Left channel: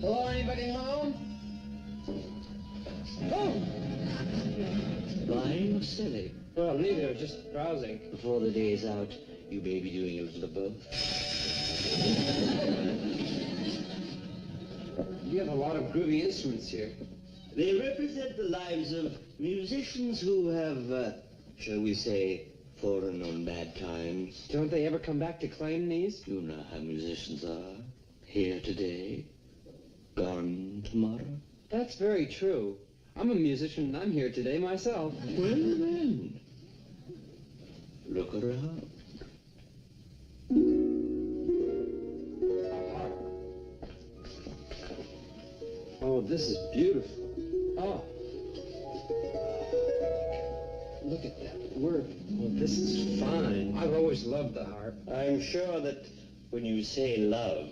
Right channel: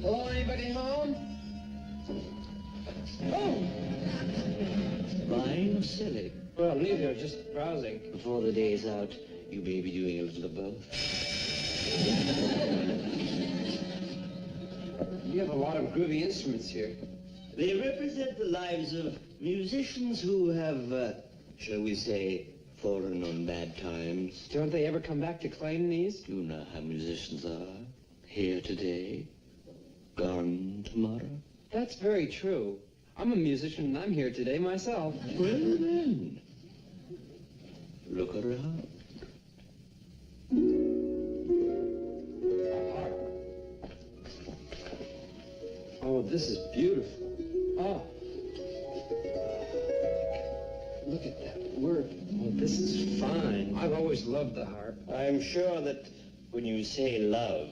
Hello, anybody home? Oh! Lying or silly? Well, neither, just browsing. Before the day's out, you may be doing a little of both. You have a lot of groovy instruments here. They represent the lives of musicians who have, shall we say, fallen on bad times. Don't they ever come back to claim these? You know how musicians are. Here today, gone tomorrow. That's very true. I'm a musician and I'm here today myself. Well then, look around. Oh, this is beautiful. Oh. Look at that work. Oh, this is fine. I've always loved the harp. I'm sure that when you say love,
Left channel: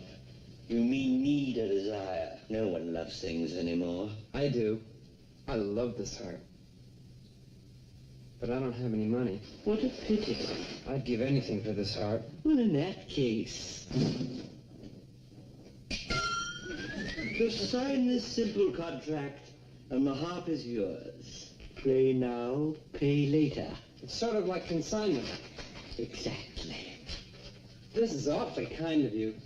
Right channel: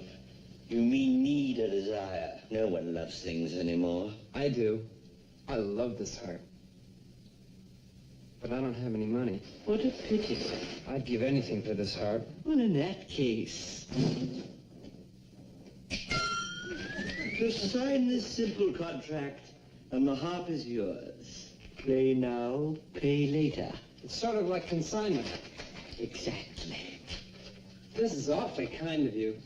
you mean need or desire. No one loves things anymore. I do. I love this harp. But I don't have any money. What a pity. I'd give anything for this harp. Well, in that case, just sign this simple contract, and the harp is yours. Play now, pay later. It's sort of like consignment. Exactly. This is awfully kind of you.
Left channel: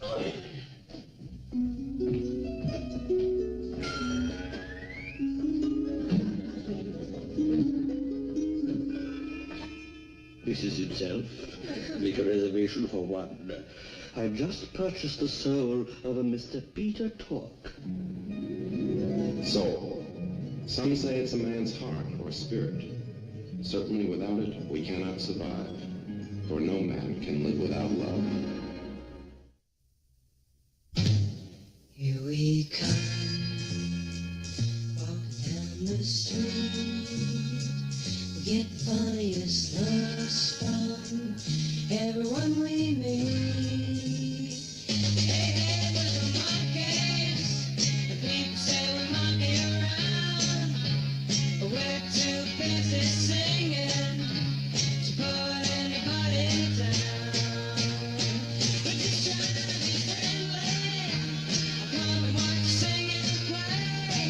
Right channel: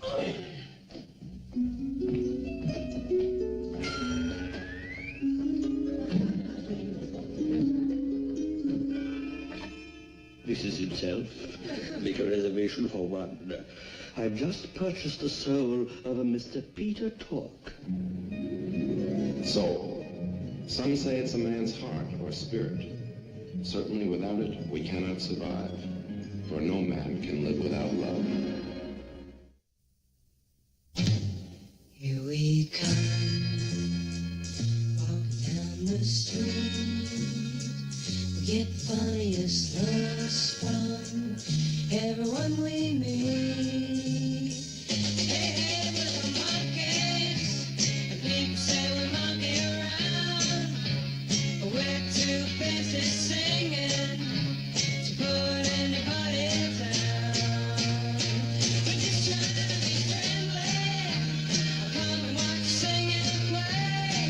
This is himself. Make a reservation for one. I just purchased the soul of a Mr. Peter Tork. Soul. Some say it's a man's heart or spirit. Certainly without it, we cannot survive. For no man can live without love. Here we come, walk down the street. We get funniest looks from everyone we meet. Hey, hey, we're monkeys, and people say we monkey around, but we're too busy singing to put anybody down. We're just trying to be friendly. Come and watch, sing and play.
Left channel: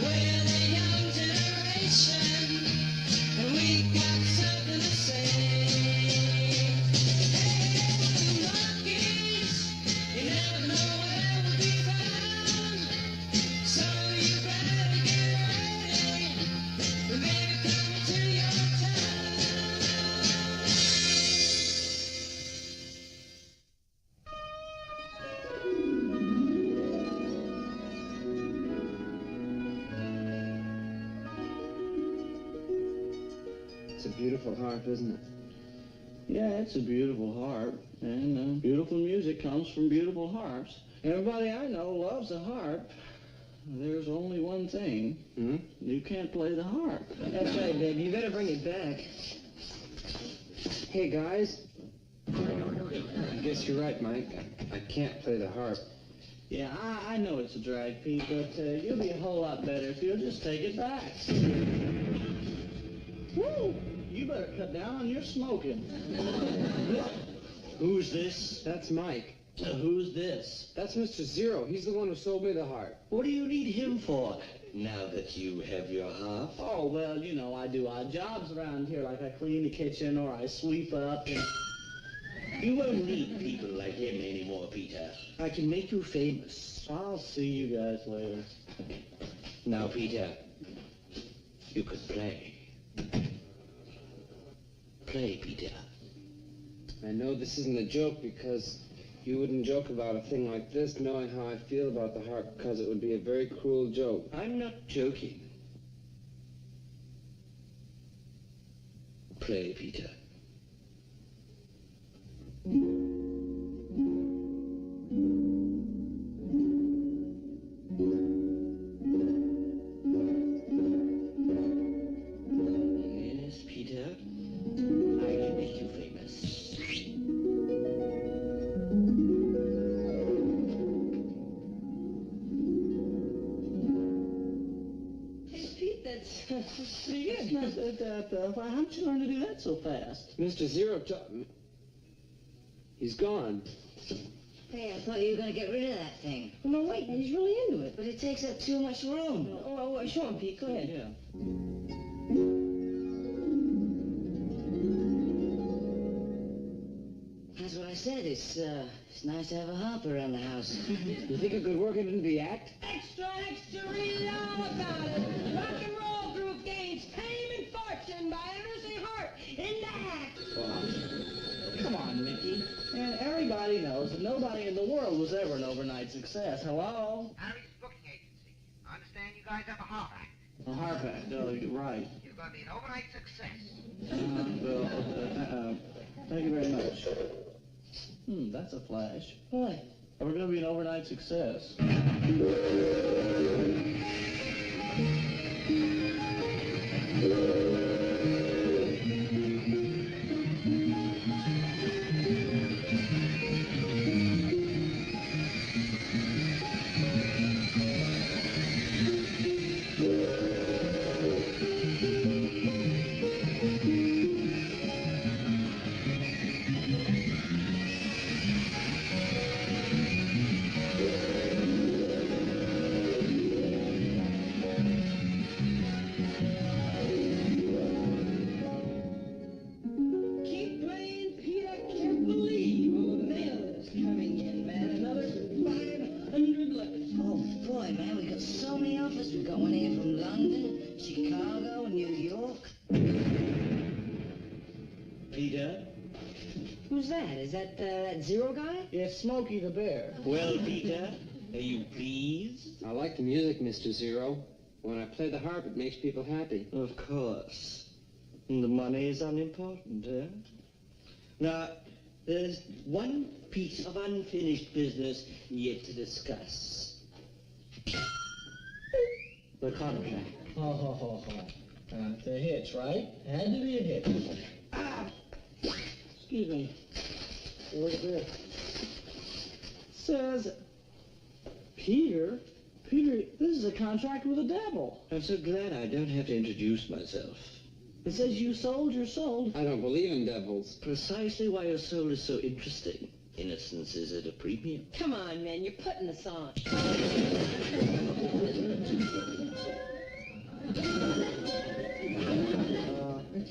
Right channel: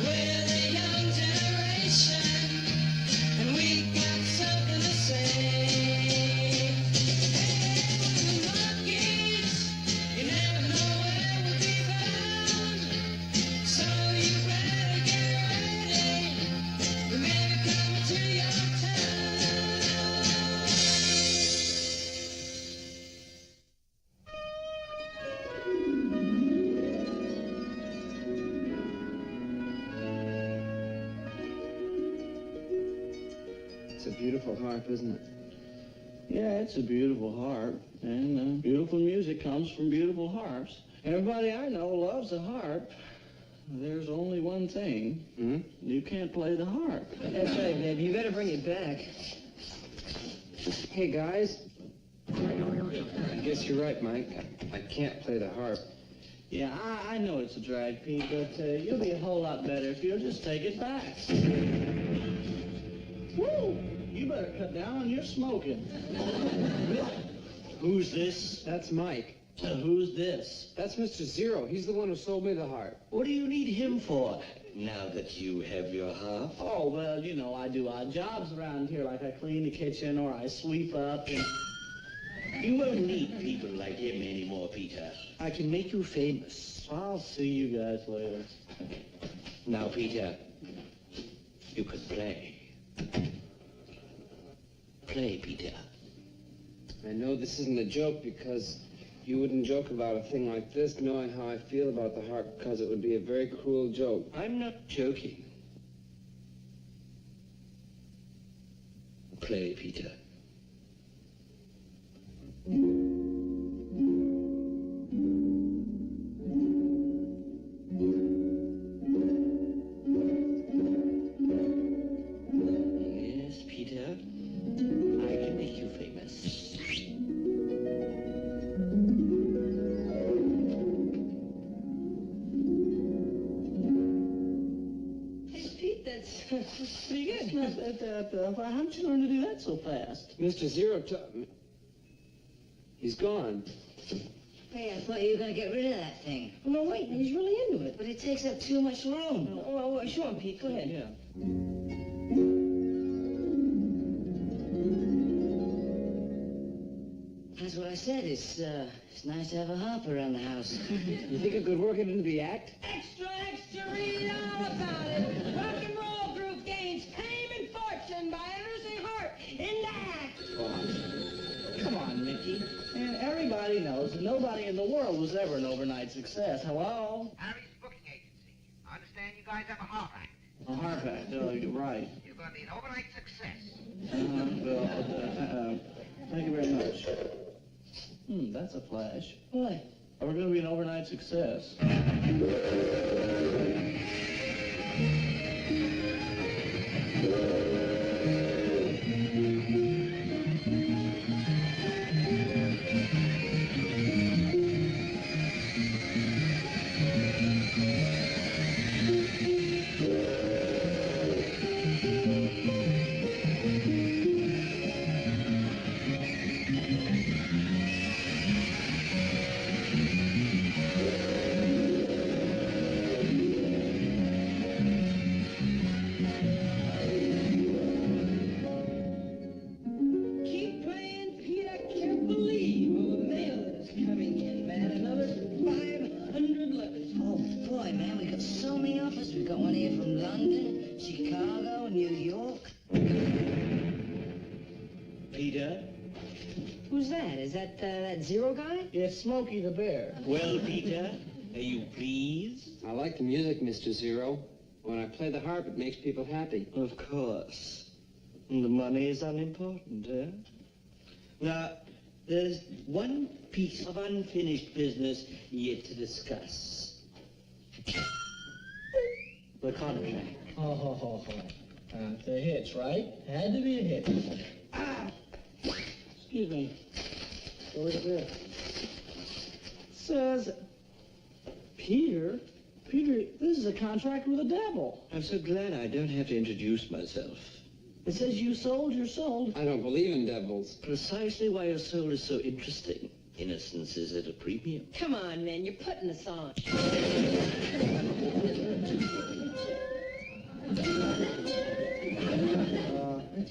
We're the young generation, and we got something to say. Hey, the Monkees, you never know where we'll be found. So you better get ready. We may be coming to your town. It's a beautiful harp, isn't it? Yeah, it's a beautiful harp, and beautiful music comes from beautiful harps. Everybody I know loves a harp. There's only one thing. You can't play the harp. That's right, babe. You better bring it back. Hey, guys. I guess you're right, Mike. I can't play the harp. Yeah, I know it's a drag, Pete, but you'll be a whole lot better if you'll just take it back. Woo! You better cut down on your smoking. Who's this? That's Mike. Who's this? That's Mr. Zero. He's the one who sold me the harp. What do you need him for, now that you have your harp? Oh, well, you know, I do odd jobs around here, like I clean the kitchen or I sweep up and... You won't need people like him anymore, Peter. I can make you famous. I'll see you guys later. Now, Peter, you can play. Play, Peter. I know this isn't a joke because you wouldn't joke about a thing like this knowing how I feel about the harp, because it would be a very cruel joke. I'm not joking. Play, Peter. Yes, Peter. I can make you famous. Hey, Pete, How did you learn to do that so fast? Mr. Zero taught me. He's gone. Hey, I thought you were going to get rid of that thing. No, wait, he's really into it. But it takes up too much room. Oh, show him, Pete. Go ahead. Yeah. That's what I said. It's nice to have a harp around the house. You think it could work it into the act? Extra, extra, read all about it. Rock and roll group gains fame and fortune by introducing heart in the act. Come on, Mickey. Man, everybody knows that nobody in the world was ever an overnight success. Hello? Harry's booking agency. I understand you guys have a harp act. A harp act. Oh, you're right. You're going to be an overnight success. Thank you very much. That's a flash. What? We're going to be an overnight success. Keep playing, Peter. Can't believe all the mail that's coming in, man. Another 500 letters. Oh, boy, man, we got so many offers. We got one here from London, Chicago, New York. Peter? Who's that? Is that that Zero guy? Yes, Smokey the Bear. Well, Peter, are you pleased? I like the music, Mr. Zero. When I play the harp, it makes people happy. Of course. And the money is unimportant, eh? Now, there's one piece of unfinished business yet to discuss. The contract. The hits, right? Had to be a hit. Excuse me. Where's it? Says, Peter, this is a contract with the devil. I'm so glad I don't have to introduce myself. It says you sold your soul. I don't believe in devils. Precisely why your soul is so interesting. Innocence is at a premium. Come on, man. You're putting us on.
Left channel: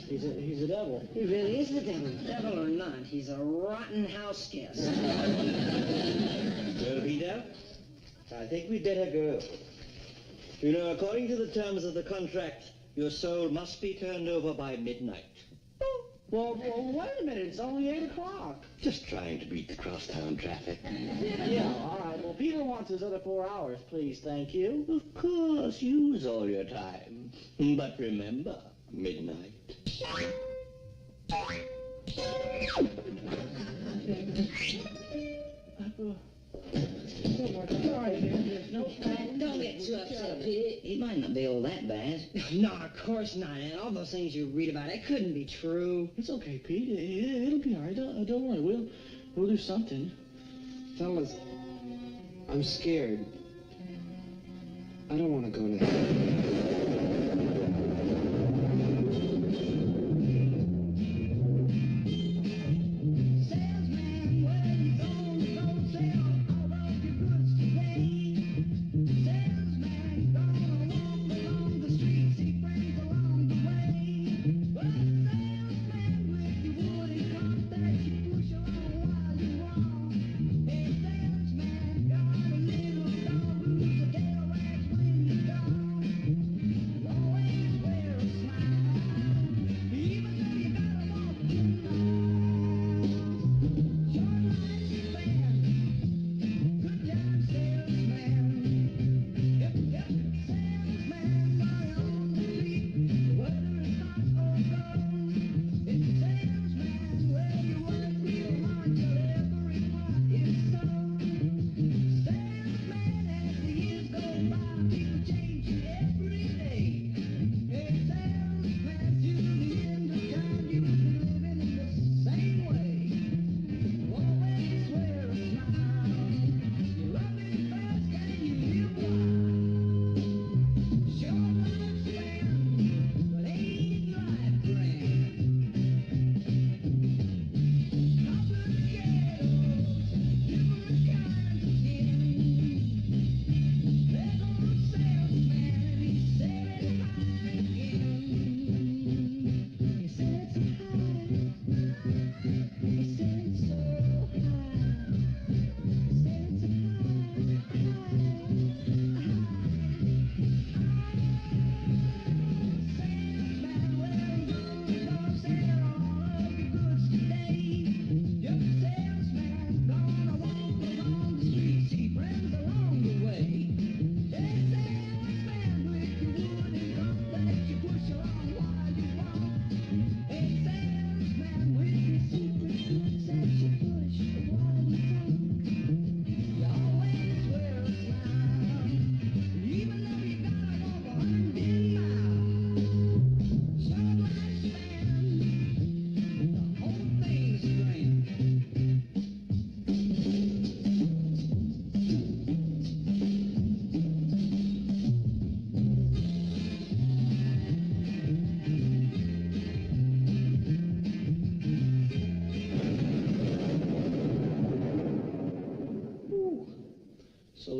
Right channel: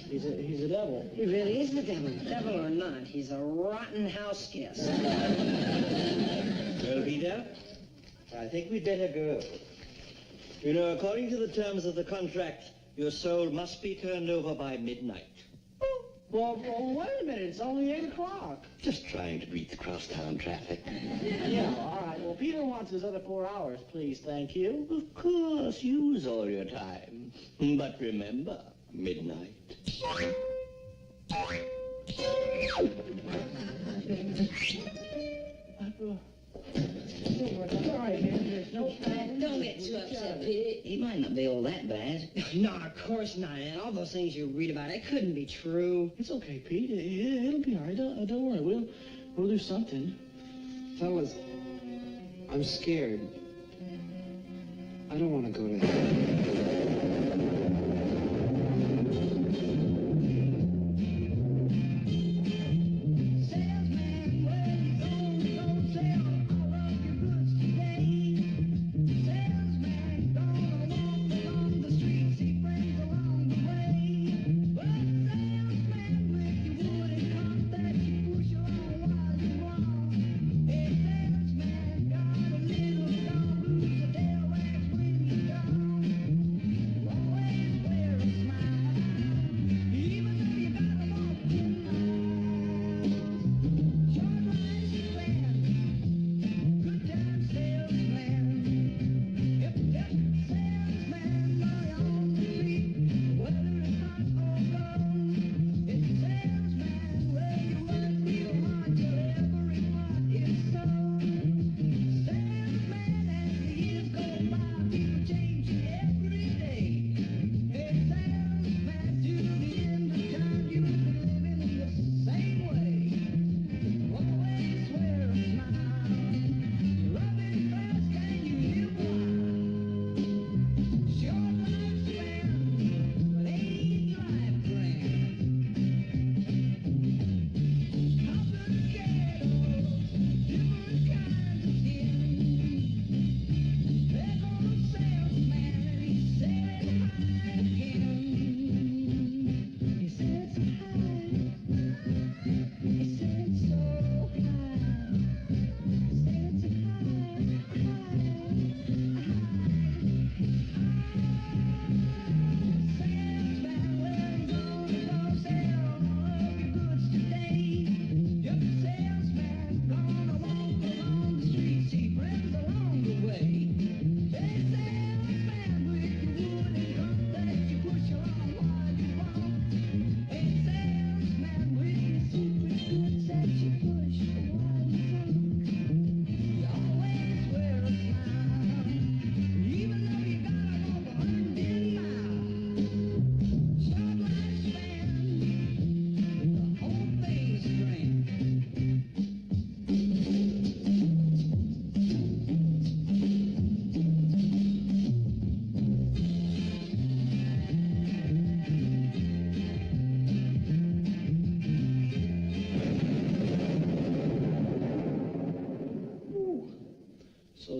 He's a devil. He really is the devil. Devil or not, he's a rotten house guest. Well, Peter, I think we'd better go. You know, according to the terms of the contract, your soul must be turned over by midnight. Well, wait a minute. It's only 8 o'clock. Just trying to beat the crosstown traffic. Yeah, all right. Well, Peter wants his other 4 hours, please. Thank you. Of course, use all your time. But remember, midnight. Don't get too upset, Peter. He might not be all that bad. No, of course not. And all those things you read about, it couldn't be true. It's okay, Pete. It'll be all right. Don't worry. We'll do something. Fellas, I'm scared. I don't want to go to hell.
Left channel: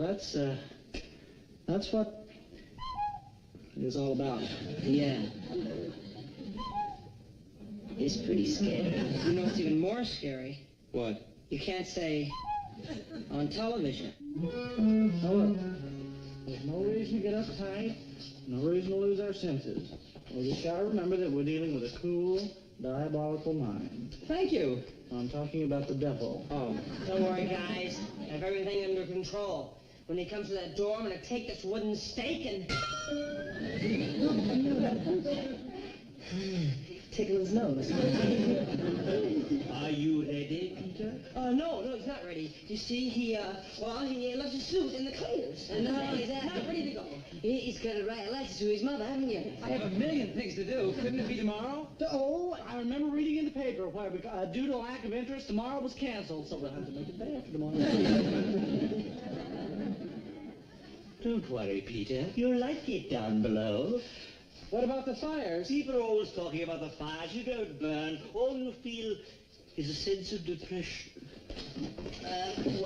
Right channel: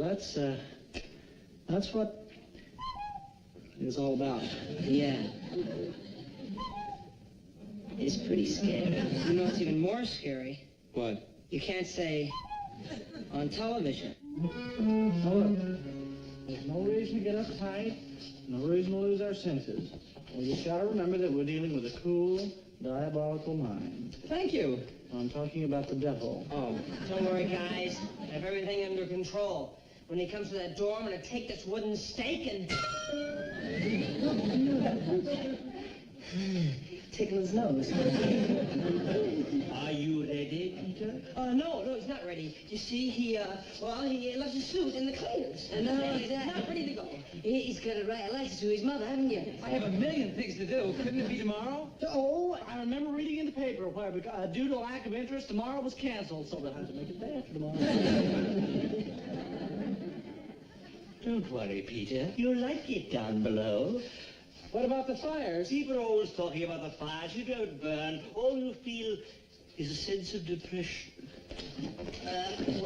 that's what it was all about. Yeah. It's pretty scary. You know what's even more scary? What? You can't say on television. Now look, there's no reason to get uptight, no reason to lose our senses. We just gotta remember that we're dealing with a cool, diabolical mind. Thank you. I'm talking about the devil. Oh. Don't worry, guys. I have everything under control. When he comes to that door, I'm gonna take this wooden stake and... tickle his nose. Are you ready, Peter? No, he's not ready. You see, he left his suit in the cleaners. No, he's not ready to go. He's got to write a letter to his mother, haven't you? I have a million things to do. Couldn't it be tomorrow? Oh, I remember reading in the paper where, due to a lack of interest, tomorrow was canceled, so we'll have to make it day after tomorrow. Don't worry, Peter. You'll like it down below. What about the fires? People are always talking about the fires. You don't burn. All you feel is a sense of depression.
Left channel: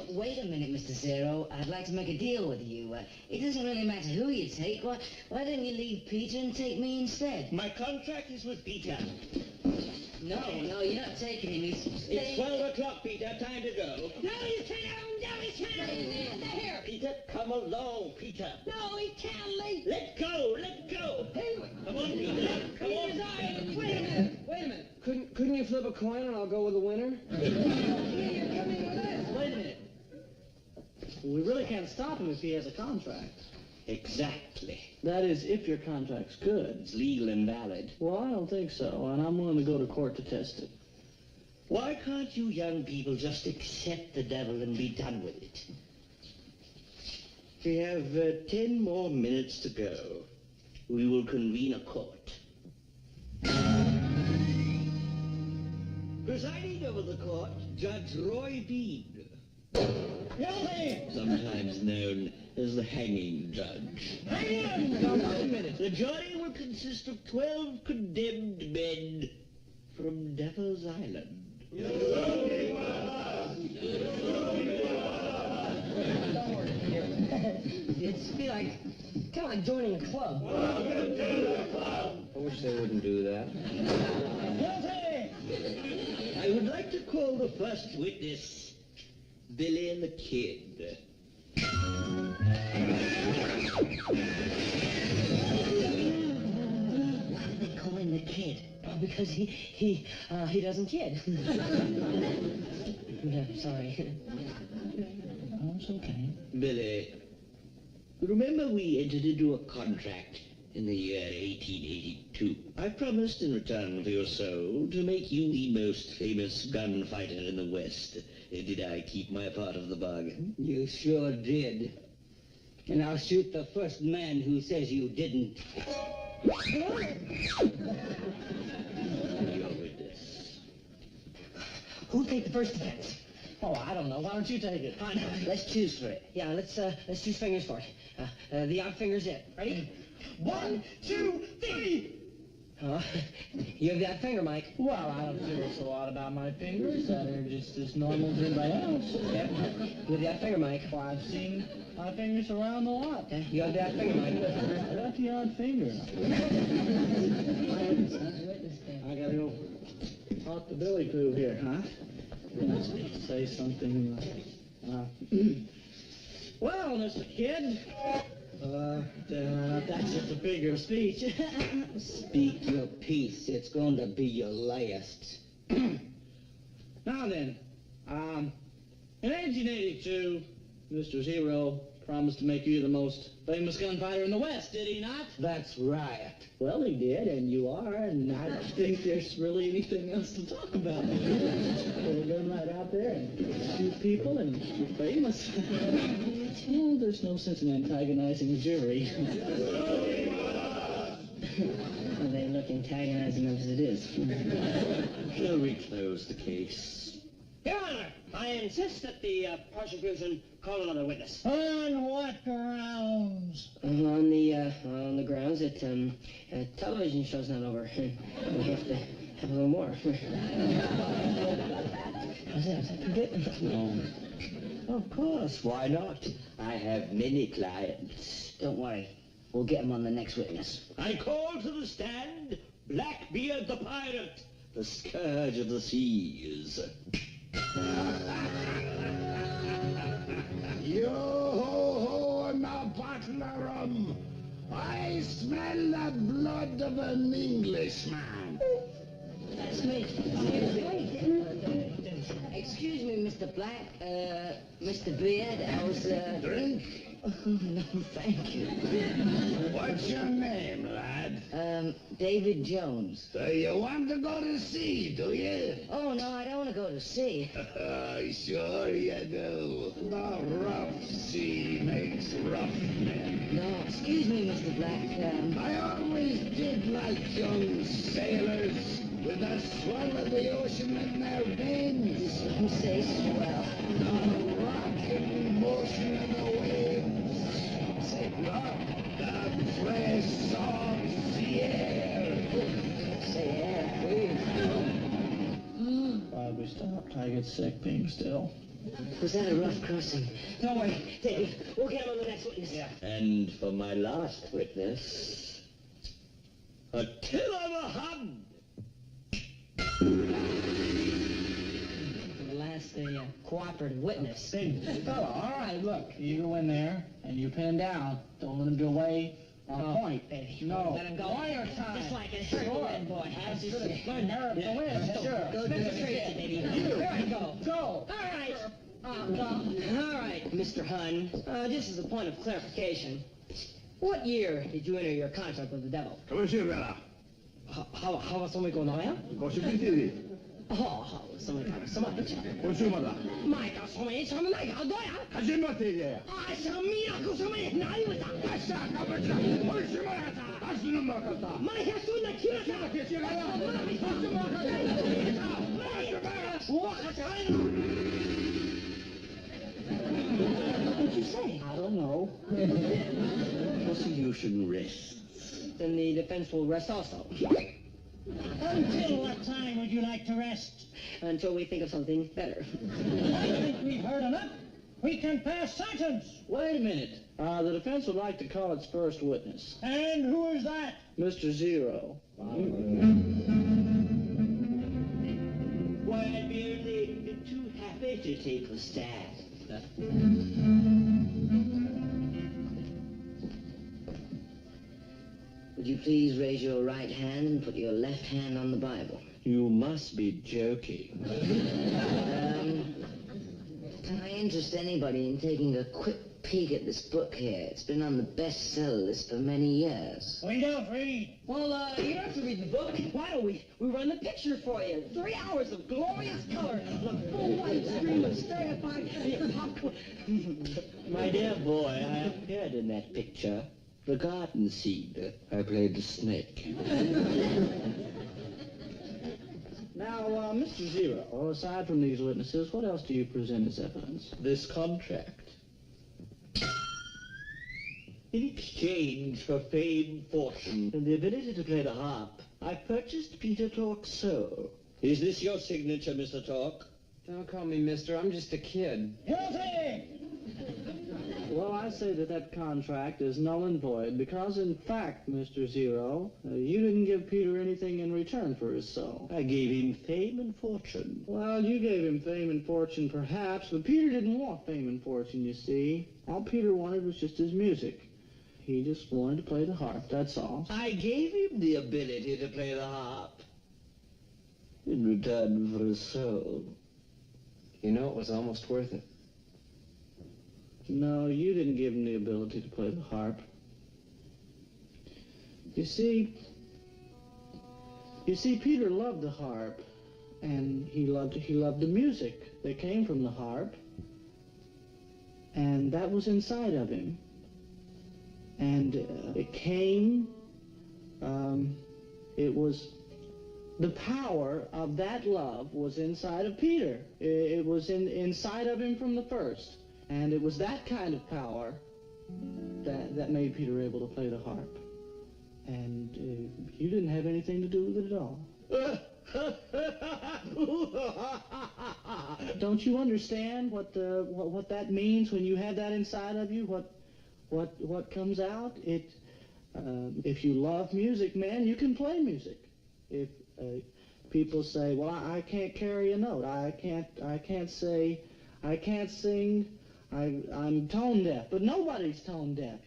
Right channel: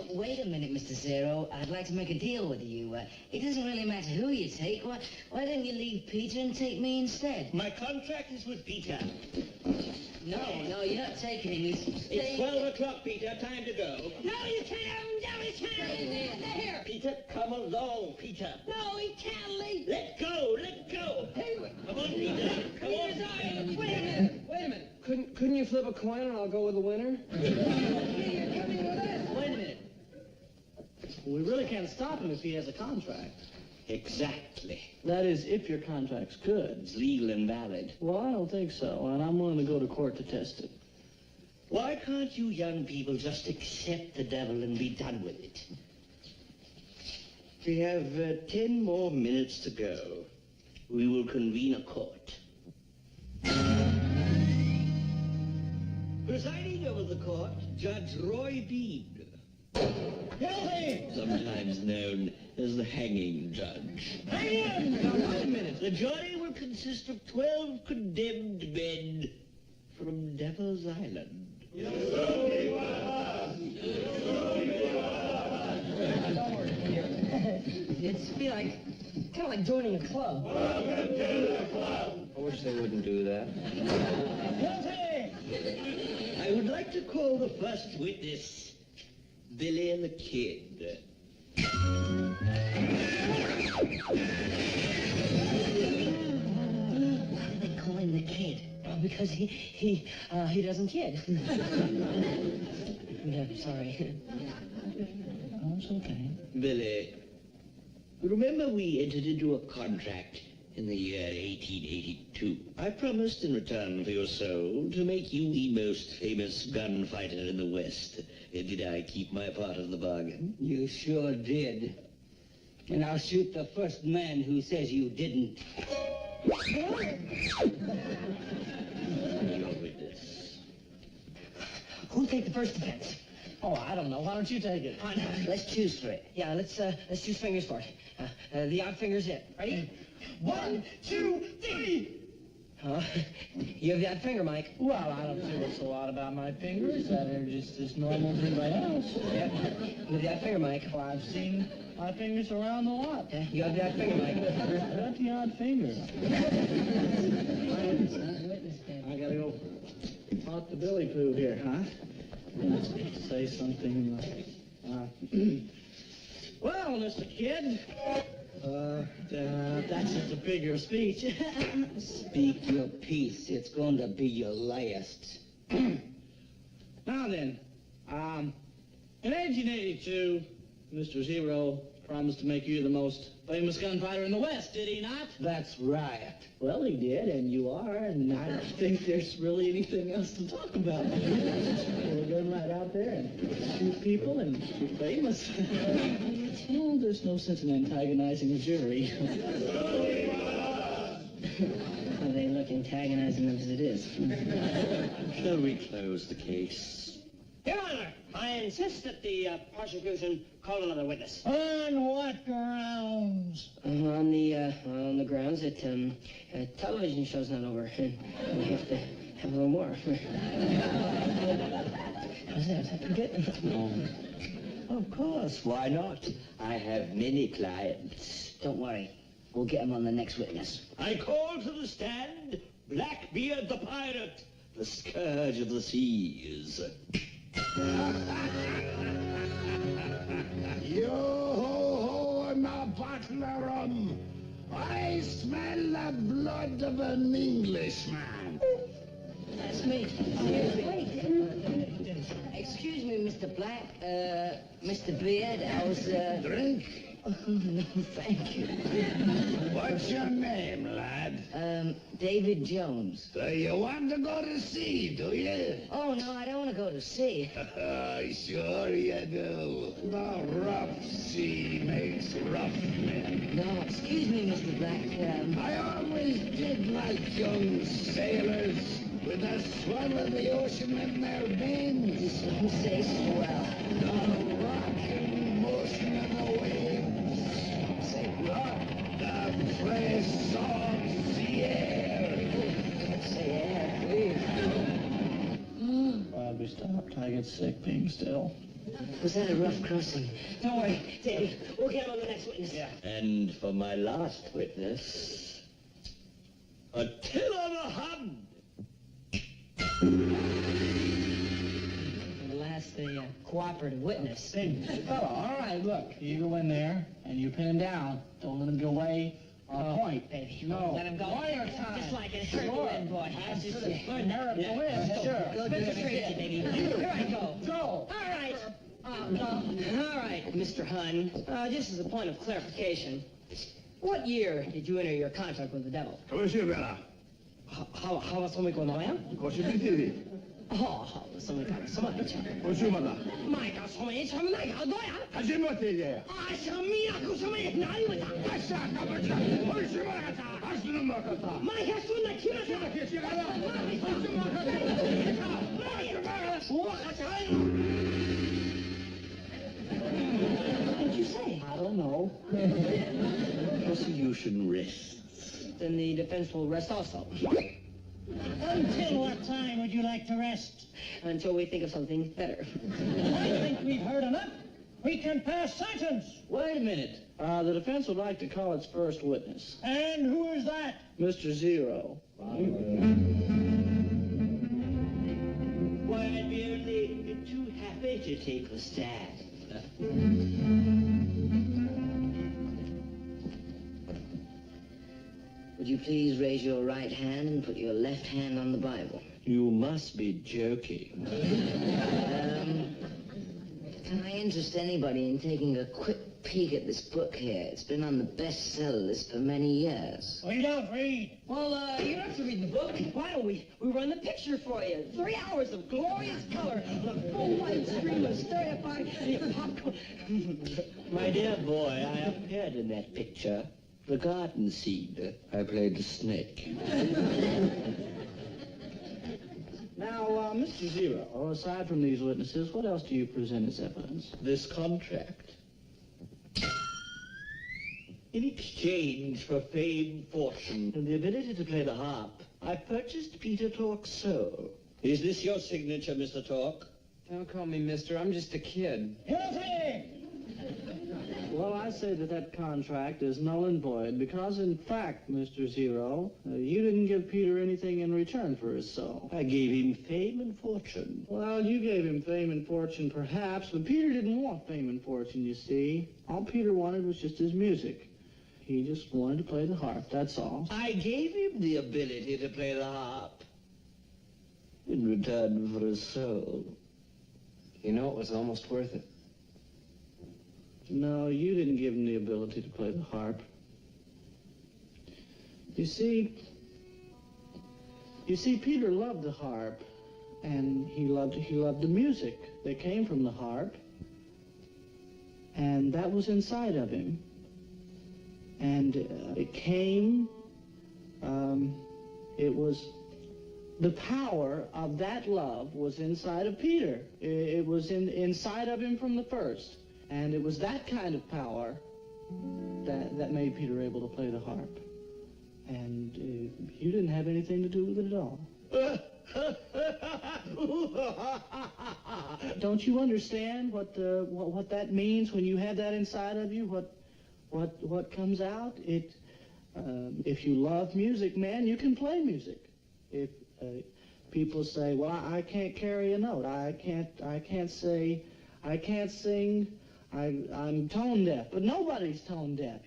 Wait a minute, Mr. Zero. I'd like to make a deal with you. It doesn't really matter who you take. Why don't you leave Peter and take me instead? My contract is with Peter. No, you're not taking him. It's 12 o'clock, Peter. Time to go. No, you can't have him. No, he can't. Stay here. Peter, come along, Peter. No, he can't leave. Let go. Hey, Come on, Peter. Come on. Wait a minute. Couldn't you flip a coin and I'll go with the winner? You're coming with us. Wait a minute. We really can't stop him if he has a contract. Exactly. That is, if your contract's good. It's legal and valid. Well, I don't think so, and I'm willing to go to court to test it. Why can't you young people just accept the devil and be done with it? We have 10 more minutes to go. We will convene a court. Presiding over the court, Judge Roy Bean. Sometimes known as the hanging judge. Now, wait a minute. The jury will consist of 12 condemned men from Devil's Island. It's kind of like joining a club. I wish they wouldn't do that. I would like to call the first witness, Billy and the Kid. Why did they call him the Kid? Because he doesn't kid. I'm sorry. Oh, it's okay. Billy, remember we entered into a contract in the year 1882. I promised in return for your soul to make you the most famous gunfighter in the West. Did I keep my part of the bargain? You sure did. And I'll shoot the first man who says you didn't. Your witness. Who'll take the first defense? Oh, I don't know. Why don't you take it? Fine. Let's choose for it. Yeah, let's choose fingers for it. The odd finger's it. Ready? 1, 2, 3. You have the odd finger, Mike. Well, I don't see what's so odd about my fingers. They're just as normal as anybody else. You have the odd finger, Mike. Well, I've seen my fingers around a lot. You have the odd finger, Mike. I got the odd finger. I gotta go talk to Billy Pooh here, huh? Say something. Well, Mr. Kid, that's just a figure of speech. Speak your piece. It's going to be your last. Now then, in 1882, Mr. Zero promised to make you the most famous gunfighter in the West, did he not? That's right. Well, he did, and you are, and I don't think there's really anything else to talk about. You're going right out there and shoot people, and you're famous. Well, there's no sense in antagonizing the jury. Well, they look antagonizing as it is. Shall we close the case? Your Honor, I insist that the prosecution call another witness. On what grounds? On the grounds that television show's not over. We have to have a little more. How's that? Is that pretty good? Of course, why not? I have many clients. Don't worry. We'll get him on the next witness. I call to the stand Blackbeard the pirate, the scourge of the seas. Yo ho ho and a bottle of rum. I smell the blood of an Englishman. That's me. Excuse me, Mr. Black. Mr. Beard, I was, Drink? Thank you. What's your name, lad? David Jones. So you want to go to sea, do you? Oh, no, I don't want to go to sea. Sure you do. The rough sea makes rough men. No, excuse me, Mr. Black. I always did like young sailors with the swell of the ocean in their veins. You say swell. The rocking motion of the waves. Say what? The place of the air. Say air, please. Glad we stopped. I get sick being still. Was that a rough crossing? Don't worry, Davey. We'll get him on the next witness. And for my last witness, Attila the Hun. The cooperative witness. Big fella, all right, look, you go in there and you pin him down. Don't let him get away on point. Baby, No. let him go. Lawyer time. Just like a American boy. That's just America wins, sure. Mr. Tracy, baby. Here I go. Go. All right. All right, Mr. Hun. Just as a point of clarification, what year did you enter your contract with the devil? How was somebody going around? Somebody got somebody. Mike, somebody, What did you say? I don't know. Prosecution rests. Then the defense will rest also. Until what time would you like to rest? Until we think of something better. I think we've heard enough. We can pass sentence. Wait a minute. The defense would like to call its first witness. And who is that? Mr. Zero. Why, we're only too happy to take the stand. Would you please raise your right hand and put your left hand on the Bible? You must be joking. Can I interest anybody in taking a quick peek at this book here? It's been on the bestseller list for many years. We don't read. Well, you don't have to read the book. Why don't we run the picture for you? 3 hours of glorious color and a full white stream of stereotype popcorn. My dear boy, I appeared in that picture. The garden seed. I played the snake. Now, Mr. Zero, aside from these witnesses, what else do you present as evidence? This contract. In exchange for fame, fortune, and the ability to play the harp, I purchased Peter Tork's soul. Is this your signature, Mr. Tork? Don't call me mister. I'm just a kid. Guilty! Well, I say that contract is null and void because, in fact, Mr. Zero, you didn't give Peter anything in return for his soul. I gave him fame and fortune. Well, you gave him fame and fortune, perhaps, but Peter didn't want fame and fortune, you see. All Peter wanted was just his music. He just wanted to play the harp, that's all. I gave him the ability to play the harp in return for his soul. You know, it was almost worth it. No, you didn't give him the ability to play the harp. You see, Peter loved the harp, and he loved the music that came from the harp, and that was inside of him. And it was the power of that love was inside of Peter. It was inside of him from the first. And it was that kind of power that made Peter able to play the harp. And you didn't have anything to do with it at all. Don't you understand what that means when you have that inside of you? What comes out? If you love music, man, you can play music. If people say, "Well, I can't carry a note. I can't sing. I'm tone deaf," but nobody's tone deaf.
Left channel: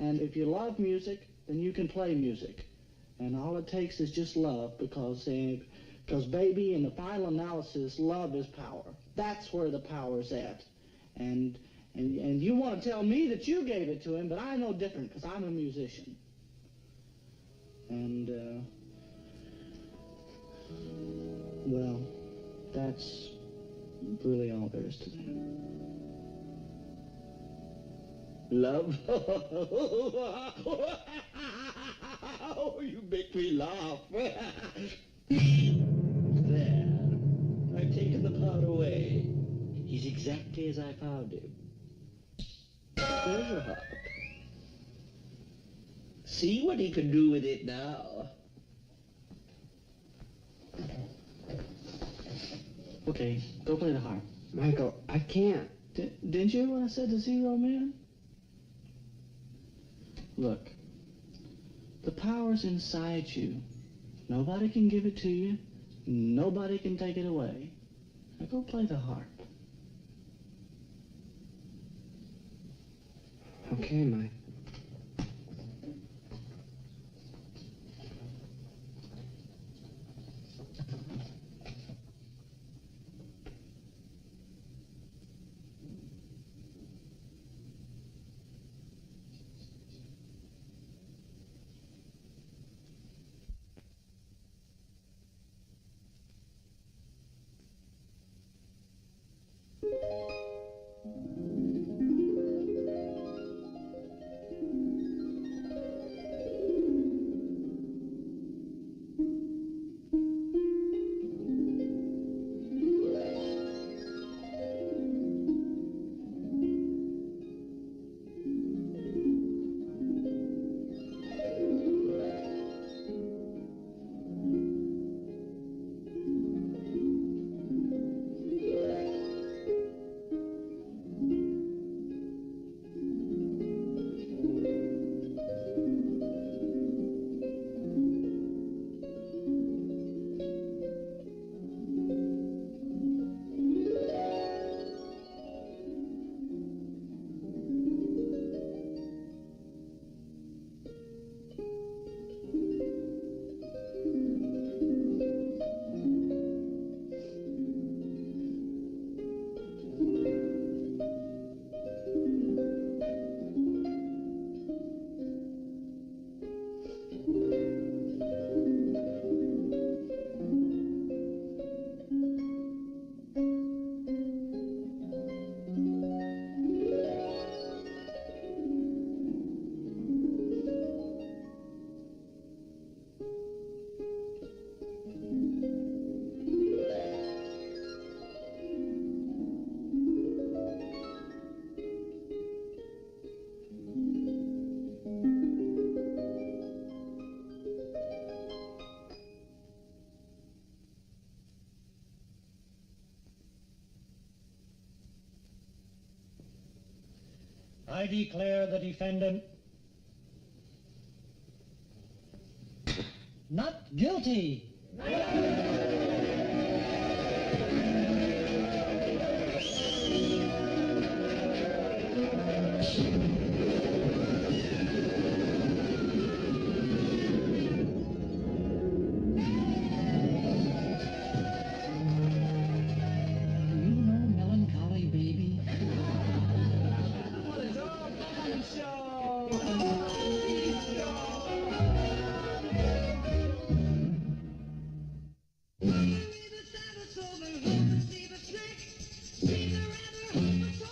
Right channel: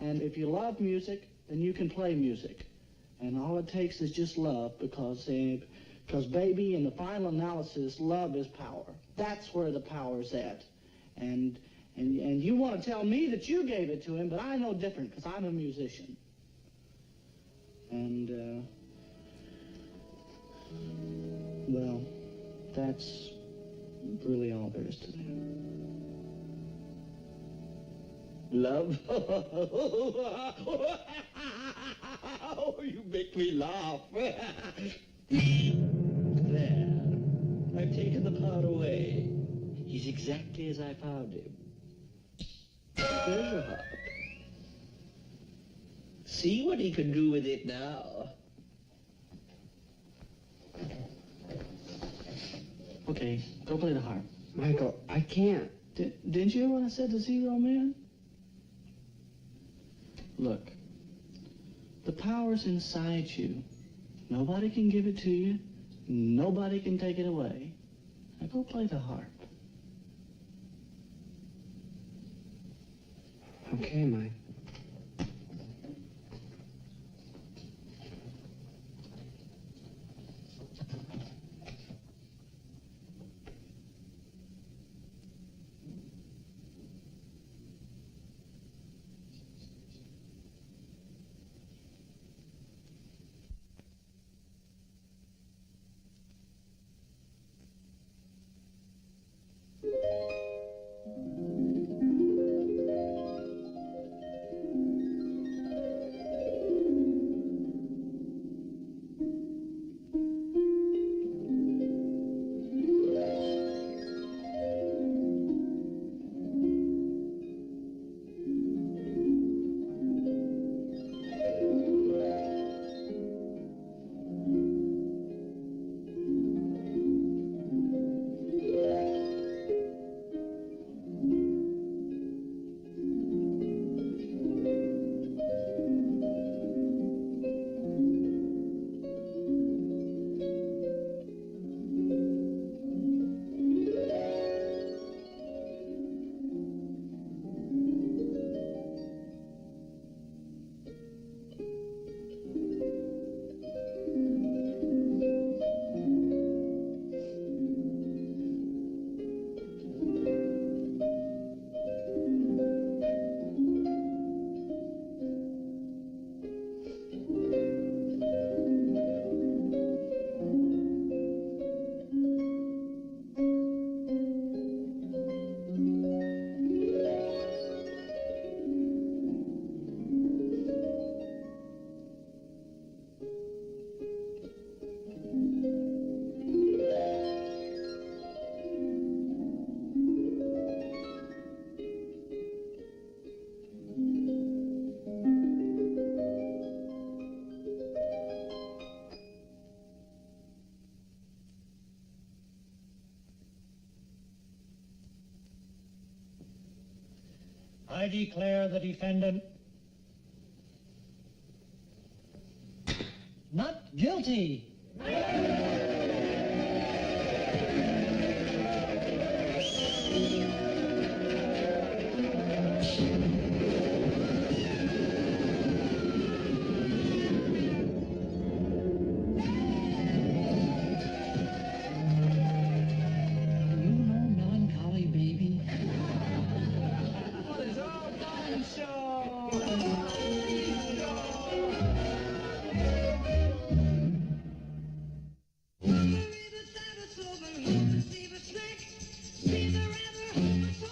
And if you love music, then you can play music. And all it takes is just love, because baby, in the final analysis, love is power. That's where the power's at. And you want to tell me that you gave it to him, but I know different, because I'm a musician. And, well, that's really all there is to that. Love? Oh, you make me laugh. There. I've taken the power away. He's exactly as I found him. There's your harp. See what he can do with it now. Okay, go play the harp. Michael, I can't. Did you when I said the 0, man? Look, the power's inside you. Nobody can give it to you. Nobody can take it away. Now go play the harp. Okay, Mike. I declare the defendant not guilty. See the rattler,